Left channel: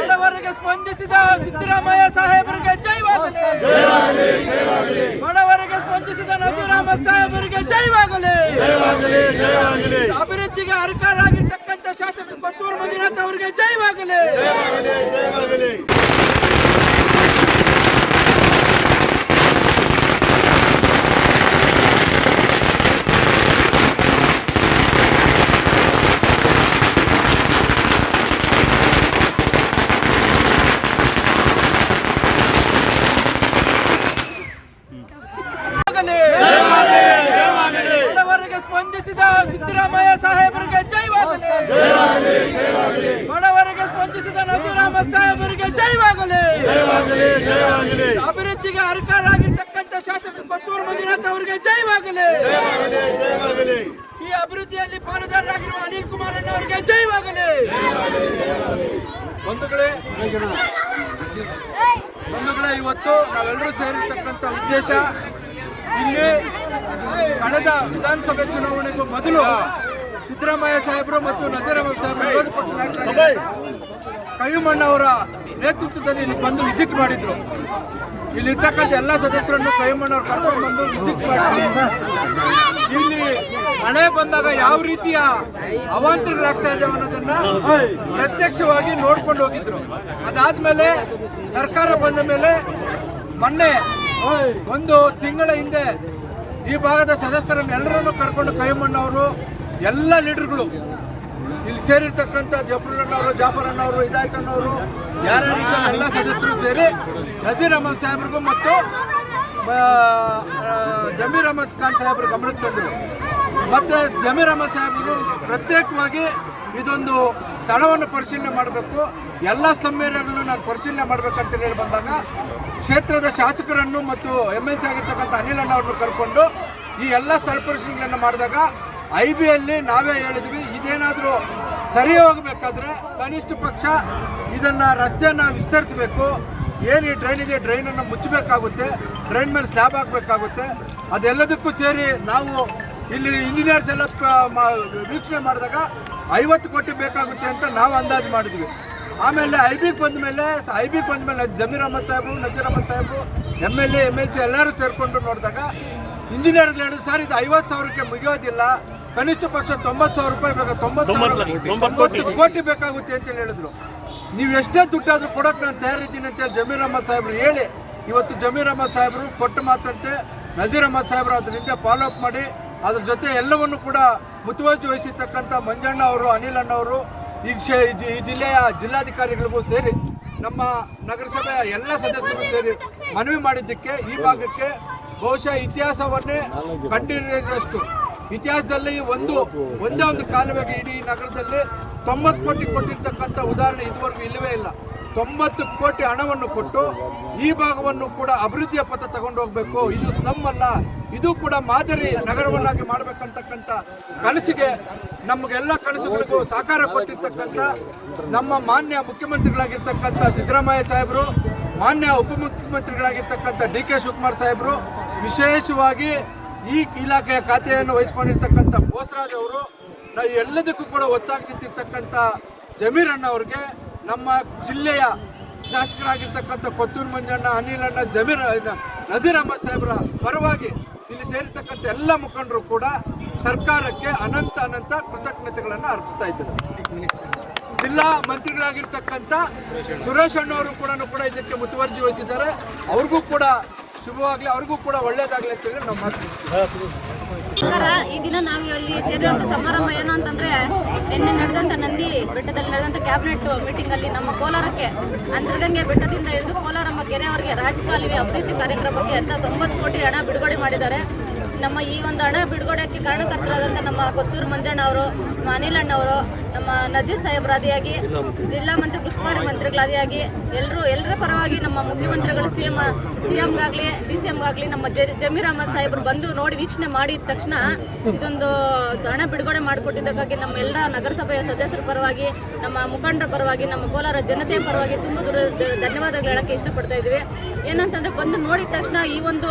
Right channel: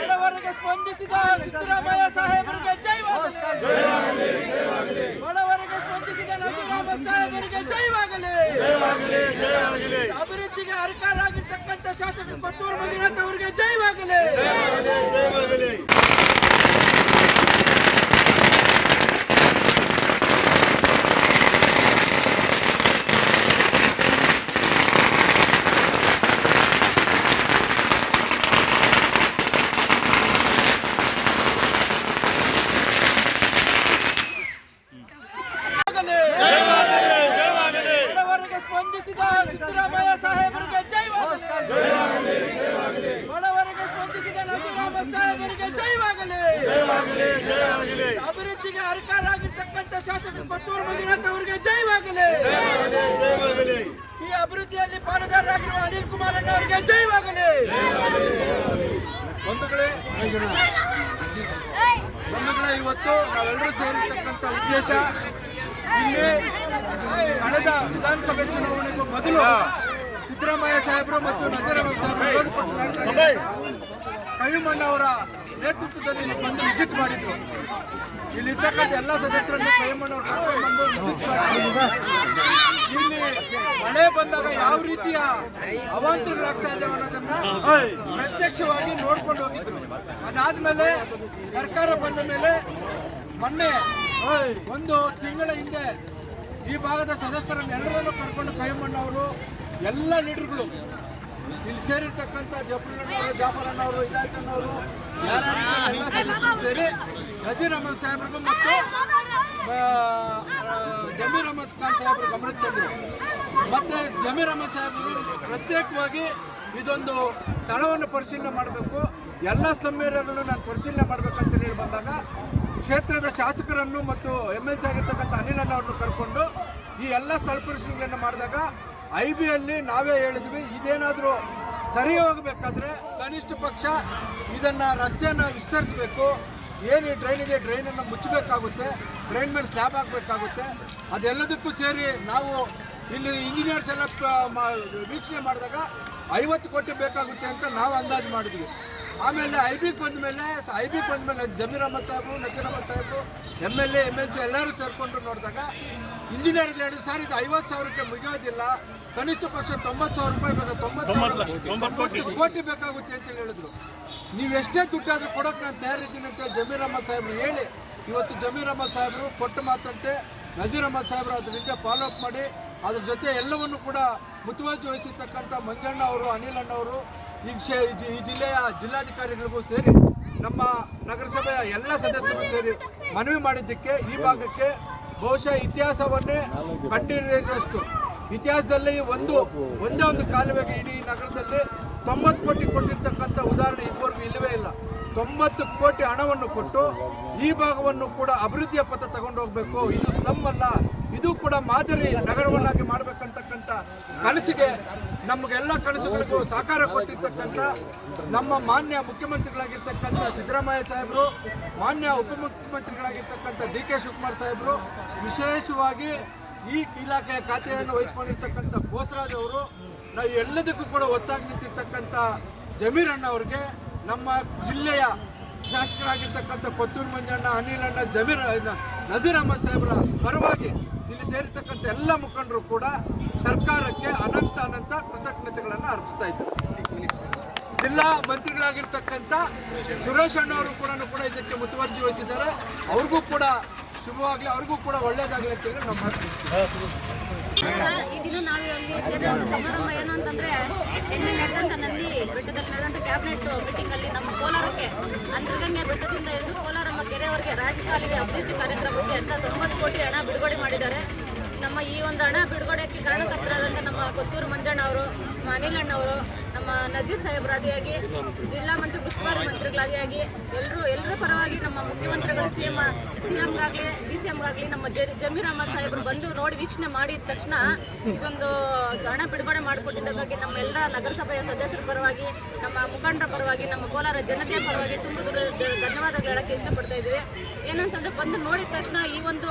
ಬಡವರಿಗೆ ಸ್ಪಂದಿಸಿದ ಸಿದ್ದರಾಮಯ್ಯ ಸಾಹೇಬರಿಗೆ ಜೈವಾಗಲಿ ಬಡವರಿಗೆ ಸ್ಪಂದಿಸಿದ ನಜೀರಾಮ ಸಾಹೇಬರಿಗೆ ಜೈವಾಗಲಿ ಅಭಿವೃದ್ಧಿಗೆ ಅಧಿಕಾರಾಗಿರ್ತಕ್ಕಂಥ ಶಾಸಕ ಕೊತ್ತೂರು ಮಂಜುನಾಥ್ ಅವರಿಗೆ ಜೈವಾಗಲಿ ಜಯವಾಗಲಿ ಬಡವರಿಗೆ ಸ್ಪಂದಿಸಿದ ಸಿದ್ದರಾಮಯ್ಯ ಸಾಹೇಬರಿಗೆ ಜೈವಾಗಲಿ ಬಡವರಿಗೆ ಸ್ಪಂದಿಸಿದ ನಜೀರಾಮ ಸಾಹೇಬರಿಗೆ ಜೈವಾಗಲಿ ಅಭಿವೃದ್ಧಿಗೆ ಅಧಿಕಾರಾಗಿರ್ತಕ್ಕಂಥ ಶಾಸಕ ಕೊತ್ತೂರು ಮಂಜುನಾಥ್ ಅವರಿಗೆ ಜೈವಾಗಲಿ ಈ ಅಭಿವೃದ್ಧಿಯಲ್ಲಿ ಪಾಲುದಾರರಾಗಿರುವ ಅನಿಲ್ ಕುಮಾರ್ ಅವರಿಗೆ ಜೈವಾಗಲಿ ಬಂಧುಗಳೇ ಬಂಧುಗಳೇ ಇವತ್ತು ನಾವೆಲ್ಲರೂ ಸೇರಿರ್ತಕ್ಕಂಥ ಉದ್ದೇಶ, ಇಲ್ಲಿ ಕಳೆದ ವಿಧಾನಸಭೆ ಚುನಾವಣೆಗೂ ಮೊದಲು ಸಿದ್ದರಾಮಯ್ಯ ಸಾಹೇಬರು ಮತ್ತು ನಜರಾಮ ಸಾಹೇಬರು ವಿರೋಧ ಪಕ್ಷ ಕೈಮಣ್ಣವರ ನೇತೃತ್ವದಲ್ಲಿ ಇಲ್ಲಿ ಬಂದು ವಿಸಿಟ್ ಮಾಡಿದ್ರು. ಇಲ್ಲಿರ್ತಕ್ಕಂಥ ಎಲ್ಲ ಸದಸ್ಯರನ್ನು ಕೈಮಣ್ಣವ್ರು ಕರ್ಕೊಂಡು ಬಂದು ವಿಸಿಟ್ ಮಾಡಿದ್ರು ಇಲ್ಲಿ ಮಳೆ ಬಂದಾಗ ಯಾವ ರೀತಿಯ ಅವಾಂತರಗಳಾಗ್ತಾ ಇದೆ ಅನ್ನೋದನ್ನ ಪ್ರತ್ಯಕ್ಷವಾಗಿ ನೋಡ್ಕೊಂಡು ಹೋಗಿದ್ರು. ಅದಾದ್ಮೇಲೆ ಸರ್ಕಾರ ಬಂದ ಮೇಲೆ ಮೊನ್ನೆ ಒಂದು ತಿಂಗಳ ಹಿಂದೆ ಈ ಭಾಗದ ಸದಸ್ಯರನ್ನೆಲ್ಲರನ್ನು ಕರ್ಕೊಂಡು ಕೈಮಣ್ಣವರು ಎಲ್ಲ ಲೀಡರ್ಗಳು ಇಲ್ಲಿ ಸೇರಿರ್ತಕ್ಕಂಥ ಜಫರುಲ್ಲಣ್ಣವರು ಜಾಫರ್ ಅಣ್ಣವರು, ಹಿದಾಯತ್ ಅಣ್ಣವರು ಯಾರ್ಯಾರಿದ್ದಾರೆ ಎಲ್ಲ ಸದಸ್ಯರು ಸೇರಿ ನಜೀರ್ ಅಹಮದ್ ಸಾಹೇಬ್ರಿಗೂ ಮತ್ತು ಜಮೀರ್ ಅಹಮದ್ ಖಾನ್ ಸಾಹೇಬ್ರ ಗಮನಕ್ಕೆ ತಂದರು. ಮತ್ತು ಜಮೀರ್ ಅಹಮದ್ ಸಾಹೇಬರು ಪ್ರತ್ಯೇಕವಾಗಿ ಇದೊಂದು ಸ್ಥಳವನ್ನು ಪರಿಶೀಲನೆ ಮಾಡಬೇಕು. ಎಲ್ಲ ಸ್ತಂಭಗಳನ್ನು ನಾನು ಪರಿಶೀಲನೆ ಮಾಡಬೇಕಂತ ಹೇಳಿ ಬಂದಾಗ ಕ್ಷೇತ್ರದ ಶಾಸಕರನ್ನು ಮತ್ತು ಎಂ ಎಲ್ ಸಿ ಆಗಿರ್ತಕ್ಕಂಥ ಅನಿಲ್ ಅಣ್ಣ ಅವ್ರನ್ನ ಕರ್ಕೊಂಡು ಈ ಎಲ್ಲ ಸ್ಥಳ ಪರಿಶೀಲನೆಯನ್ನು ಮಾಡಿದಾಗ ಐ ಬಿಯಲ್ಲಿ ನಾವೇ ಹೇಳಿದ್ವಿ, ಇದೇನಾದರೂ ಸರಿ ಹೋಗಬೇಕಾದ್ರೆ ಕನಿಷ್ಠ ಪಕ್ಷ ಇದನ್ನು ರಸ್ತೆಯನ್ನು ವಿಸ್ತರಿಸಬೇಕು. ಏನು ಈ ಡ್ರೈನ್ ಇದೆ ಡ್ರೈನನ್ನು ಮುಚ್ಚಬೇಕಾಗುತ್ತೆ ಡ್ರೈನ್ ಮೇಲೆ ಸ್ಲ್ಯಾಬ್ ಹಾಕಬೇಕಾಗುತ್ತೆ. ಅದೆಲ್ಲದಕ್ಕೂ ಸೇರಿ ನಾವು ಇಲ್ಲಿ ಇಂಜಿನಿಯರ್ಸ್ ಎಲ್ಲ ವೀಕ್ಷಣೆ ಮಾಡಿದಾಗ ಐವತ್ತು ಕೋಟಿ ಬೇಕಾಗುತ್ತೆ ಅಂತ ನಾವು ಅಂದಾಜು ಮಾಡಿದ್ವಿ. ಆಮೇಲೆ ಐ ಬಿಗೆ ಬಂದ ಮೇಲೆ ಐ ಬಿಗೆ ಬಂದ ಮೇಲೆ ಜಮೀರ್ ಅಹಮದ್ ಸಾಹೇಬರು ನಜೀರ್ ಅಹಮದ್ ಸಾಹೇಬರು M L A M L C ಎಲ್ಲರೂ ಸೇರಿಕೊಂಡು ನೋಡಿದಾಗ ಇಂಜಿನಿಯರ್ ಹೇಳಿದ್ರು ಸರ್ ಇದು ಐವತ್ತು ಸಾವಿರಕ್ಕೆ ಮುಗಿಯೋದಿಲ್ಲ. ಕನಿಷ್ಠ ಪಕ್ಷ ತೊಂಬತ್ತು ಸಾವಿರ ರೂಪಾಯಿ ಬೇಕು ತೊಂಬತ್ತು ಸಾವಿರ ತೊಂಬತ್ತು ಕೋಟಿ ಬೇಕಾಗುತ್ತೆ ಅಂತ ಹೇಳಿದ್ರು. ನೀವು ಎಷ್ಟೇ ದುಡ್ಡಾದ್ರೂ ಕೊಡೋಕೆ ನಾನು ತಯಾರಿದ್ದೀನಿ ಅಂತೇಳಿ ಜಮೀರ್ ಅಹಮದ್ ಸಾಹೇಬ್ರು ಹೇಳಿ ಇವತ್ತು ಜಮೀರ್ ಅಹಮದ್ ಸಾಹೇಬರು ಕೊಟ್ಟು ಮಾತಂತೆ ನಜೀರ್ ಅಹಮದ್ ಸಾಹೇಬರು ಅದರಿಂದ ಫಾಲೋ ಅಪ್ ಮಾಡಿ ಅದ್ರ ಜೊತೆ ಎಲ್ಲವನ್ನು ಕೂಡ ಮುತುವರ್ಜಿ ವಹಿಸಿರ್ತಕ್ಕಂಥ ಮಂಜಣ್ಣ ಅವರು ಅನಿಲ್ ಅಣ್ಣವರು ಈ ಈ ಜಿಲ್ಲೆಯ ಜಿಲ್ಲಾಧಿಕಾರಿಗಳಿಗೂ ಸೇರಿ ನಮ್ಮ ನಗರಸಭೆಯ ಎಲ್ಲ ಸದಸ್ಯರು ಸೇರಿ ಮನವಿ ಮಾಡಿದ್ದಕ್ಕೆ ಈ ಭಾಗಕ್ಕೆ ಬಹುಶಃ ಇತಿಹಾಸವನ್ನೇ ಕಂಡಿರಷ್ಟು ಇತಿಹಾಸದಲ್ಲಿ ಒಂದು, ಒಂದೇ ಒಂದು ಕಾಲುವೆಗೆ ಇಡೀ ನಗರದಲ್ಲಿ ತೊಂಬತ್ತು ಕೋಟಿ ಕೊಟ್ಟಿರ್ತಕ್ಕಂಥ ಉದಾಹರಣೆ ಇದುವರೆಗೂ ಇಲ್ಲವೇ ಇಲ್ಲ. ತೊಂಬತ್ತು ಕೋಟಿ ಹಣವನ್ನು ಕೊಟ್ಟು ಈ ಭಾಗವನ್ನು ಕೂಡ ಅಭಿವೃದ್ಧಿಯ ಪಥ ತಗೊಂಡು ಹೋಗಬೇಕು. ಇದು ಸ್ಲಮ್ ಅಲ್ಲ ಇದು ಕೂಡ ಮಾದರಿ ನಗರವನ್ನಾಗಿ ಮಾಡಬೇಕಂತಕ್ಕಂಥ ಕನಸಿಗೆ ನಮಗೆಲ್ಲ ಕನಸುಗಳಿಗೂ ಸಹಕಾರ ಕೊಟ್ಟಿರ್ತಕ್ಕಂಥ ನಮ್ಮ ಮಾನ್ಯ ಮುಖ್ಯಮಂತ್ರಿಗಳಾಗಿರ್ತಕ್ಕಂಥ ಸಿದ್ದರಾಮಯ್ಯ ಸಾಹೇಬರು, ಮಾನ್ಯ ಉಪಮುಖ್ಯಮಂತ್ರಿಗಳಾಗಿರ್ತಕ್ಕಂಥ ಡಿ ಕೆ ಶಿವಕುಮಾರ್ ಸಾಹೇಬರು, ವಿಶೇಷವಾಗಿ ಈ ಇಲಾಖೆಯ ಖಾತೆಯನ್ನು ವಹಿಸ್ಕೊಂಡಿರ್ತಕ್ಕಂಥ ಬೋಸರಾಜ್ ಅವರು ನಾವು ಎಲ್ಲದಕ್ಕೂ ಕೂಡ ಒತ್ತಾಗಿ ಜಮೀರಣ್ಣ ಅವ್ರಿಗೆ ನಮ್ಮ ಜಿಲ್ಲೆಯ ಶಾಸಕರಾಗಿರ್ತಕ್ಕಂಥ ಕೊತ್ತೂರು ಮಂಜಣ್ಣ, ಅನಿಲ್ ಅಣ್ಣ, ಜಮೀರ್ ನಜೀರ್ ಅಹಮದ್ ಸಾಹೇಬರ ಪರವಾಗಿ ಇಲ್ಲಿ ಸೇರಿರ್ತಕ್ಕಂಥ ಎಲ್ಲ ಮುಖಂಡರು ಕೂಡ ಸರ್ಕಾರಕ್ಕೆ ಅನಂತ ಅನಂತ ಕೃತಜ್ಞತೆಗಳನ್ನು ಅರ್ಪಿಸ್ತಾ ಇದ್ದಾರೆ. ಜಿಲ್ಲಾ ಮಂತ್ರಿಗಳಾಗಿರ್ತಕ್ಕಂಥ ಸುರೇಶ್ ಅಣ್ಣವರು ಕೂಡ ಕೂಡ ಇದಕ್ಕೆ ಮುತುವರ್ಜಿ ವಹಿಸಿದ್ದಾರೆ. ಅವ್ರಿಗೂ ಕೂಡ ಶುಭವಾಗಲಿ, ಅವ್ರಿಗೂ ಕೂಡ ಒಳ್ಳೇದಾಗಲಿ ಅಂತ ಹೇಳಿ ನಾವು ಮಾತು ಈ ದಿನ ನಾವು ಇಲ್ಲಿ ಸೇರಿರುವಂಥ ಸಮಾರಂಭ ಏನು ಅಂತಂದ್ರೆ, ನಿನ್ನೆ ನಡೆದಂಥ ನಂದಿ ಬೆಟ್ಟದಲ್ಲಿ ನಡೆದಂತ ಕ್ಯಾಬಿನೆಟ್ ಮೀಟಿಂಗ್ ಅಲ್ಲಿ ನಮ್ಮ ಕೋಲಾರಕ್ಕೆ ಅಂತರಗಂಗೆ ಬೆಟ್ಟದಿಂದ ಹಿಡಿದು ಕೋಲಾರಮ್ಮ ಕೆರೆಯವರಿಗೆ ರಾಜಕಾಲುವೆ ಅಭಿವೃದ್ಧಿ ಕಾರ್ಯಕ್ರಮಕ್ಕೆ ಎಲ್ಲ ತೊಂಬತ್ತು ಕೋಟಿ ಹಣ ಬಿಡುಗಡೆ ಮಾಡಿದ್ದಾರೆ. ನಮ್ಮ ಈ ಒಂದು ಹಣ ಬಿಡುಗಡೆಗೆ ಕಾರಣಕರ್ತರಾದಂಥ ನಮ್ಮ ಕೊತ್ತೂರು ಮಂಜಣ್ಣ ಅವರು ನಮ್ಮ ಅನಿಲ್ ಅಣ್ಣ ಅವರು, ನಮ್ಮ ನಜೀರ್ ಸಾಹೇಬರಾದಿಯಾಗಿ, ಜಿಲ್ಲಾ ಮಂತ್ರಿ ಉಸ್ತುವಾರಿ ಮಂತ್ರಿಗಳಾದಿಯಾಗಿ ಎಲ್ಲರೂ ಎಲ್ಲರ ಪರವಾಗಿ ನಮ್ಮ ಮುಖ್ಯಮಂತ್ರಿಗಳು ಸಿ ಎಂ ಸಿ ಎಂಗಾಗಲಿ ಡಿ ಸಿ ಎಂಗಾಗಲಿ ನಮ್ಮ ಜಮೀರ್ ಅಹಮದ್ ಸಾಹೇಬರು ಬಂದು ನೋಡಿ ವೀಕ್ಷಣೆ ಮಾಡಿದ ತಕ್ಷಣ ಇದೊಂದು ಹಣ ಬಿಡುಗಡೆ ಮಾಡಿಕೊಟ್ಟಿದ್ದಕ್ಕಾಗಿ ನಮ್ಮ ಎಲ್ಲ ನಗರಸಭೆಯ ಸದಸ್ಯರ ಪರವಾಗಿ, ನಮ್ಮ ಮುಖಂಡರ ಪರವಾಗಿ, ನಮ್ಮ ಕೋಲಾರ ಜನತೆಯ ಪರವಾಗಿ ತುಂಬ ದೂರ ಧನ್ಯವಾದಗಳು ಹೇಳೋಕ್ಕೆ ಇಷ್ಟಪಡ್ತಾ ಇದ್ದೀವಿ. ಏನಂತಂದರೆ ಬಂದು ನೋಡಿದ ತಕ್ಷಣ ಈ ಒಂದು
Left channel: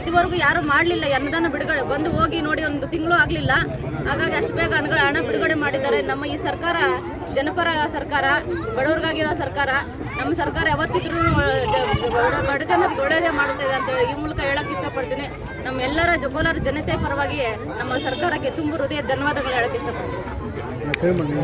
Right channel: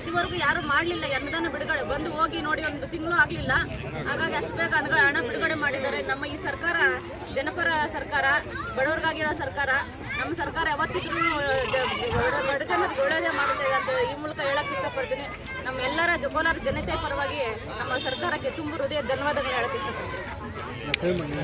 ಇದುವರೆಗೂ ಯಾರು ಮಾಡಲಿಲ್ಲ ಅನ್ನದಾನ ಬಿಡುಗಡೆ. ಬಂದು ಹೋಗಿ ನೋಡಿ, ಒಂದು ತಿಂಗಳು ಆಗಲಿಲ್ಲ. ಹಾಗಾಗಿ ಅಷ್ಟು ಬೇಗ ಹಣ ಬಿಡುಗಡೆ ಮಾಡಿದ್ದಾರೆ. ನಮ್ಮ ಈ ಸರ್ಕಾರ, ಜನಪರ ಸರ್ಕಾರ, ಬಡವರಿಗಾಗಿರೋ ಸರ್ಕಾರ, ನಮ್ಮ ಸರ್ಕಾರ ಯಾವತ್ತಿದ್ರೂ ಬಡತನ ಒಳ್ಳೆಯದೇ ಮಾಡುತ್ತೆ ಅಂತ ಈ ಮೂಲಕ ಹೇಳಕ್ಕೆ ಇಷ್ಟಪಡ್ತೀನಿ. ನಮ್ಮೆಲ್ಲರ ಕೋಲಾರ ಜನತೆ ಪರವಾಗಿ ನಮ್ಮ ಸರ್ಕಾರಕ್ಕೆ ತುಂಬ ಹೃದಯ ಧನ್ಯವಾದಗಳು ಹೇಳಕ್ಕೆ ಇಷ್ಟಪಡ್ತೀನಿ.